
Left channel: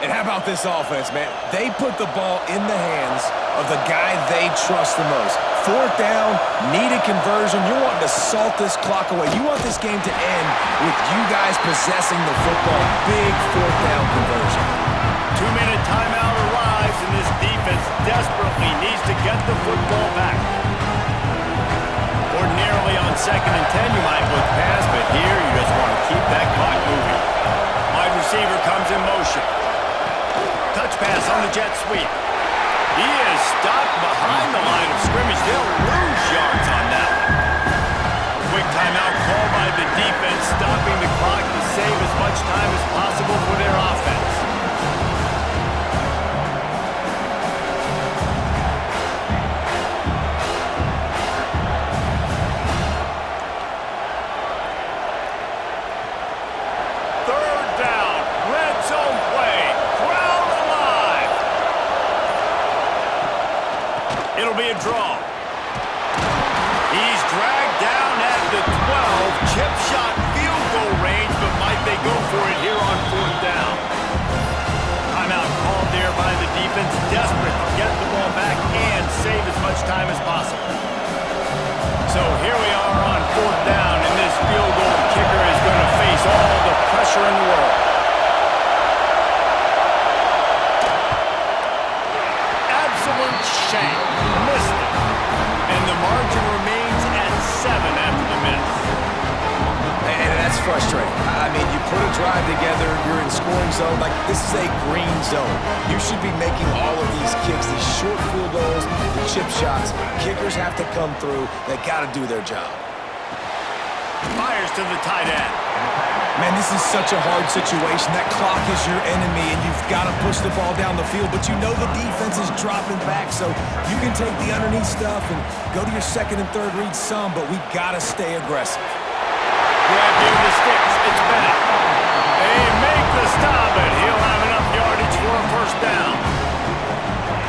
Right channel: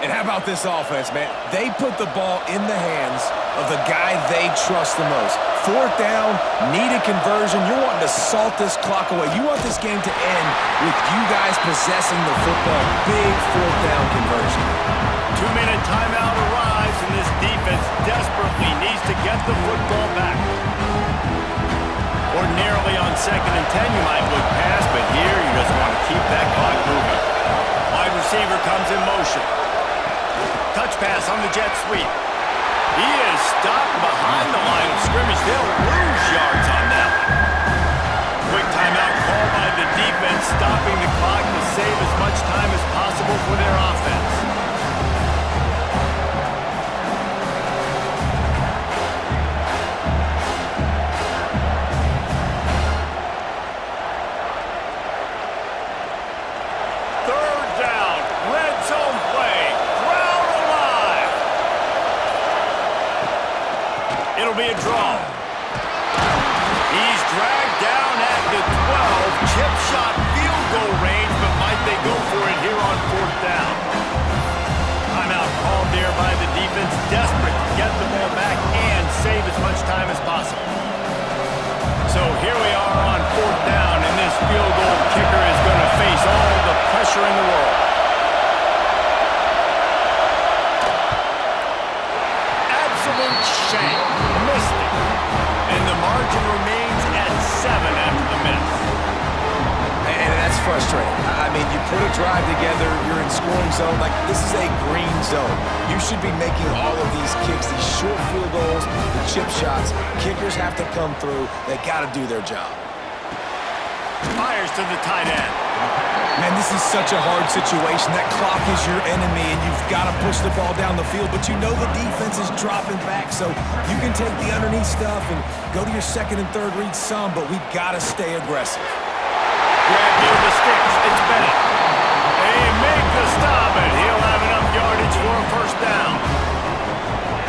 And how about this offense, man? They put the ball in the hands of the guy they trust the most. 4th down, need a conversion. You're wanting to salt this clock away. You want this game to end with you guys possessing the football. Big 4th down conversion. 2-minute timeout arrives, and this defense desperately needs to get the football back. Ordinarily on 2nd and 10, you might look past, but here you just want to keep that clock moving. Wide receiver comes in motion. Touch pass on the jet sweep. He is stopped behind the line of scrimmage. They'll lose yards on that one. Quick timeout call by the defense, stopping the clock to save as much time as possible for their offense. It'll be a draw. He's dragged down at the 12. Chip shot field goal range, but might they go for it here on 4th down? Timeout called there by the defense, desperate to get the ball back and save as much time as possible. So here we are on 4th down, and this field goal kicker is going to face all the pressure in the world. Absolute shank. Missed it. And the margin remains at 7 after the miss. And that's frustrating. I mean, you put a drive together, you're in scoring zone. Like, this is a green zone. You should be making all of these kicks, these short field goals, the chip shots. Kickers have to come through. They got to do their job. Fires to the tight end. Man, this is such a hard situation. That clock is your enemy, and you've got to push the ball down the field, but you know the defense is dropping back, so you can take the underneath stuff and go to your second and third read some, but we've got to stay aggressive. Grab near the sticks. It's Bennett. They make the stop, and he'll have enough yardage for a first down.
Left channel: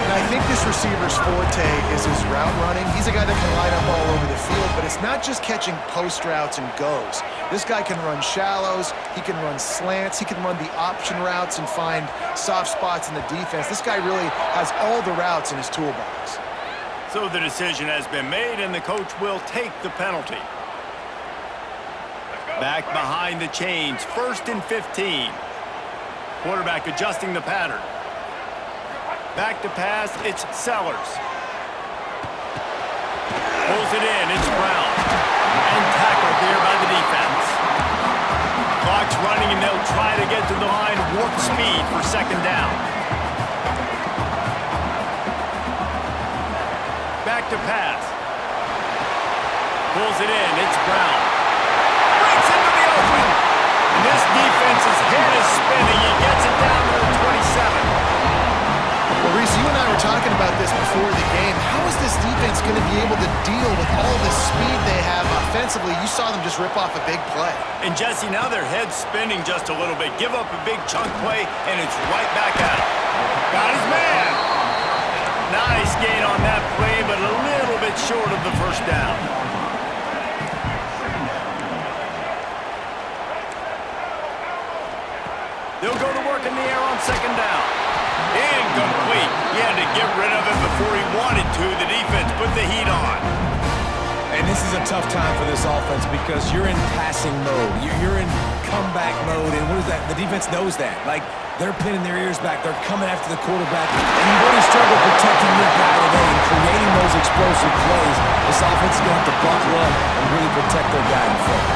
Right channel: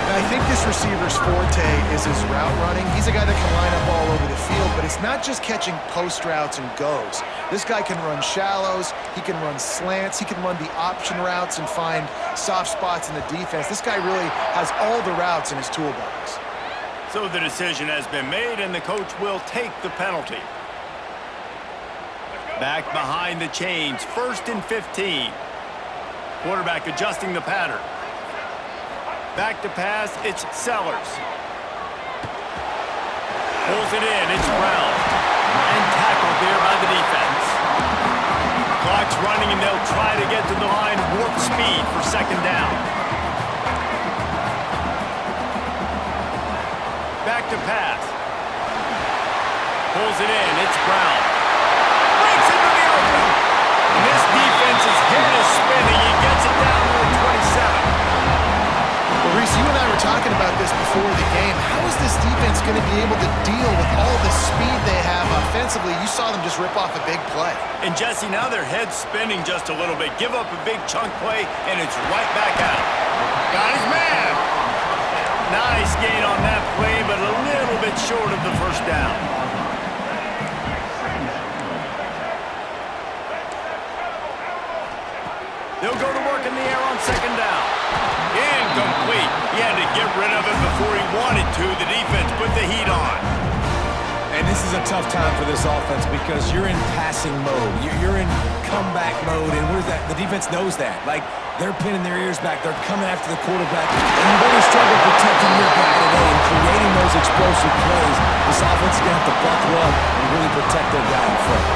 And I think this receiver's forte is his route running. He's a guy that can line up all over the field, but it's not just catching post routes and goes. This guy can run shallows, he can run slants, he can run the option routes and find soft spots in the defense. This guy really has all the routes in his toolbox. So the decision has been made, and the coach will take the penalty. Back behind the chains, 1st and 15. Quarterback adjusting the pattern. Back to pass, it's Sellers. Pulls it in, it's Brown. And tackled there by the defense. Clock's running, and they'll try to get to the line warp speed for second down. Back to pass. Pulls it in, it's Brown. Breaks into the open. And this defense's head is spinning. He gets it down to the 27. Well, Reese, you and I were talking about this before the game. How is this defense going to be able to deal with all the speed they have offensively? You saw them just rip off a big play. And Jesse, now their head's spinning just a little bit. Give up a big chunk play, and it's right back at him. Got his man. Nice gain on that play, but a little bit short of the first down. They'll go to work in the air on second down. Incomplete. He had to get rid of it before he wanted to. The defense put the heat on. And this is a tough time for this offense because you're in passing mode. You're in comeback mode, and what is that? The defense knows that. Like, they're pinning their ears back. They're coming after the quarterback, and you've already struggled protecting your guy today and creating those explosive plays. This offense is going to have to buckle up and really protect their guy in front.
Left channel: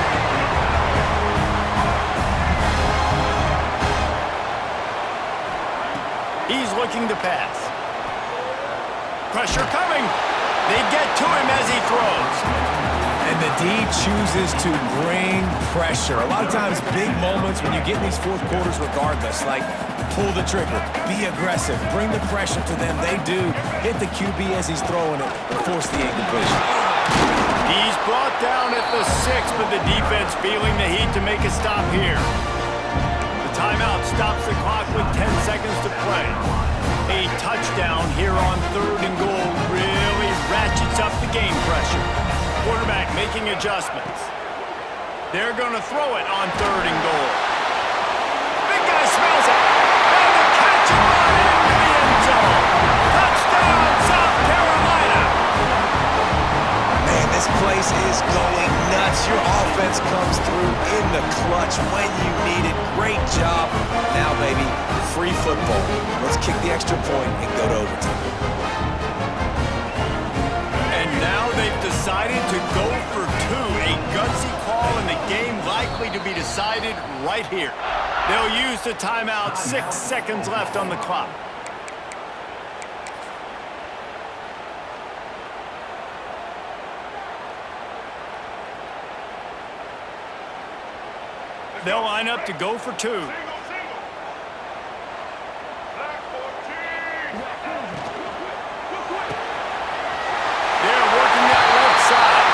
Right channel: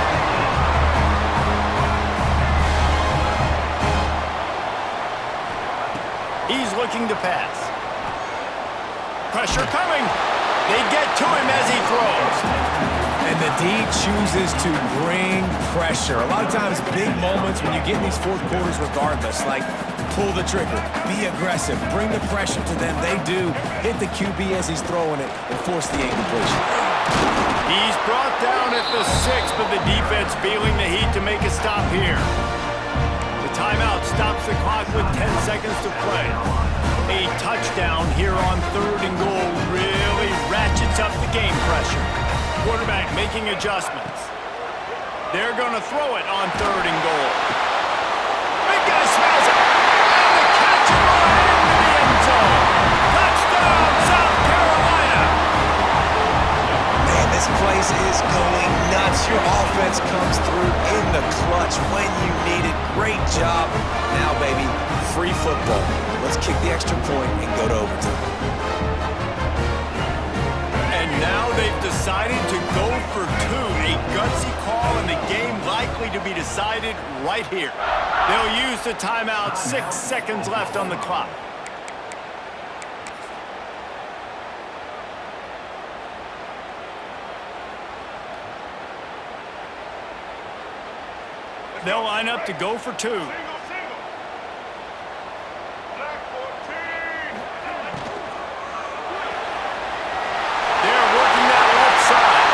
He's looking to pass. Pressure coming. They get to him as he throws. And the D chooses to bring pressure. A lot of times, big moments when you get in these fourth quarters regardless, like pull the trigger, be aggressive, bring the pressure to them. They do. Hit the QB as he's throwing it and force the incompletion. He's brought down at the 6, but the defense feeling the heat to make a stop here. The timeout stops the clock with 10 seconds to play. A touchdown here on 3rd and goal really ratchets up the game pressure. Quarterback making adjustments. They're going to throw it on 3rd and goal. Big guy smells it. And the catch and run into the end zone. Touchdown, South Carolina. Man, this place is going nuts. Your offense comes through in the clutch when you need it. Great job. Now, baby, free football. Let's kick the extra point and go to overtime. And now they've decided to go for 2. A gutsy call, and the game likely to be decided right here. They'll use the timeout. 6 seconds left on the clock. They'll line up to go for 2. They're working that left side.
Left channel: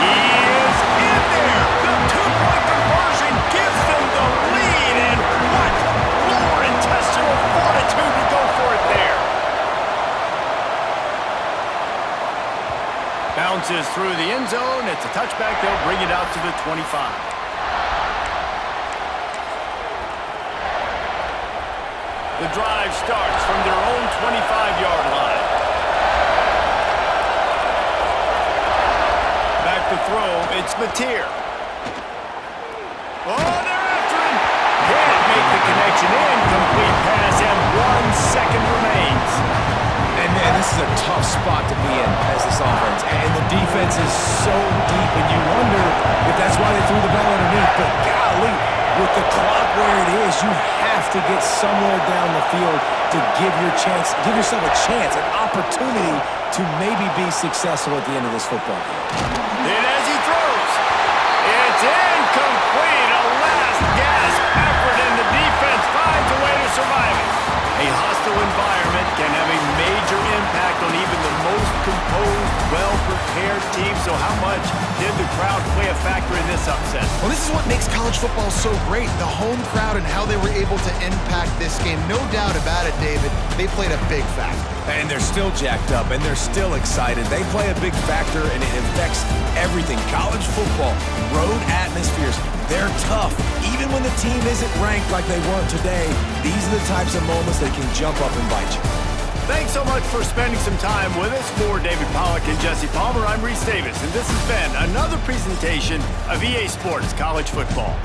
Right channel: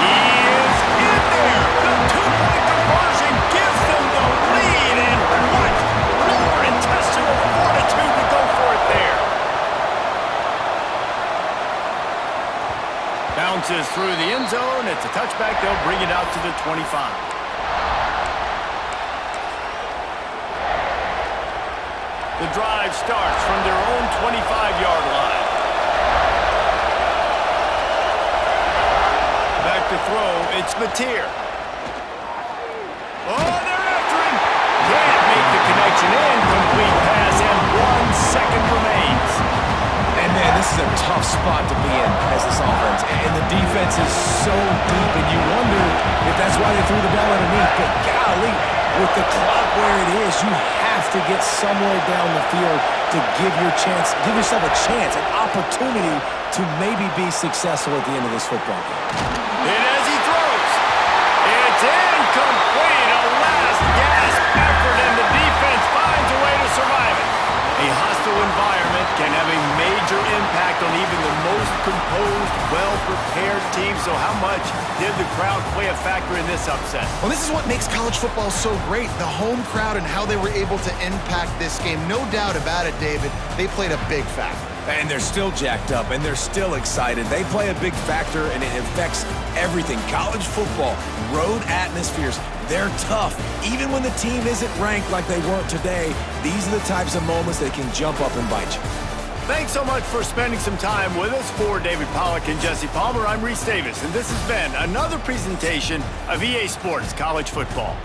He is in there. The 2-point conversion gives them the lead. And what lower intestinal fortitude to go for it there. Bounces through the end zone. It's a touchback. They'll bring it out to the 25. The drive starts from their own 25-yard line. Back to throw, it's Mateer. Oh, they're after him. Can't make the connection. Incomplete pass, and 1 second remains. And man, this is a tough spot to be in as this offense. And the defense is so deep, and you wonder if that's why they threw the ball underneath. But golly, with the clock where it is, you have to get somewhere down the field to give yourself a chance, an opportunity to maybe be successful at the end of this football game. And as he throws, it's incomplete. A last-gasp effort, and the defense finds a way to survive it. A hostile environment can have a major impact on even the most composed, well-prepared team. So how much did the crowd play a factor in this upset? Well, this is what makes college football so great, the home crowd and how they were able to impact this game. No doubt about it, David. They played a big factor. And they're still jacked up, and they're still excited. They play a big factor, and it affects everything. College football, road atmospheres, they're tough. Even when the team isn't ranked like they weren't today, these are the types of moments that can jump up and bite you. Thanks so much for spending some time with us. For David Pollack and Jesse Palmer, I'm Reese Davis, and this has been another presentation of EA Sports College Football.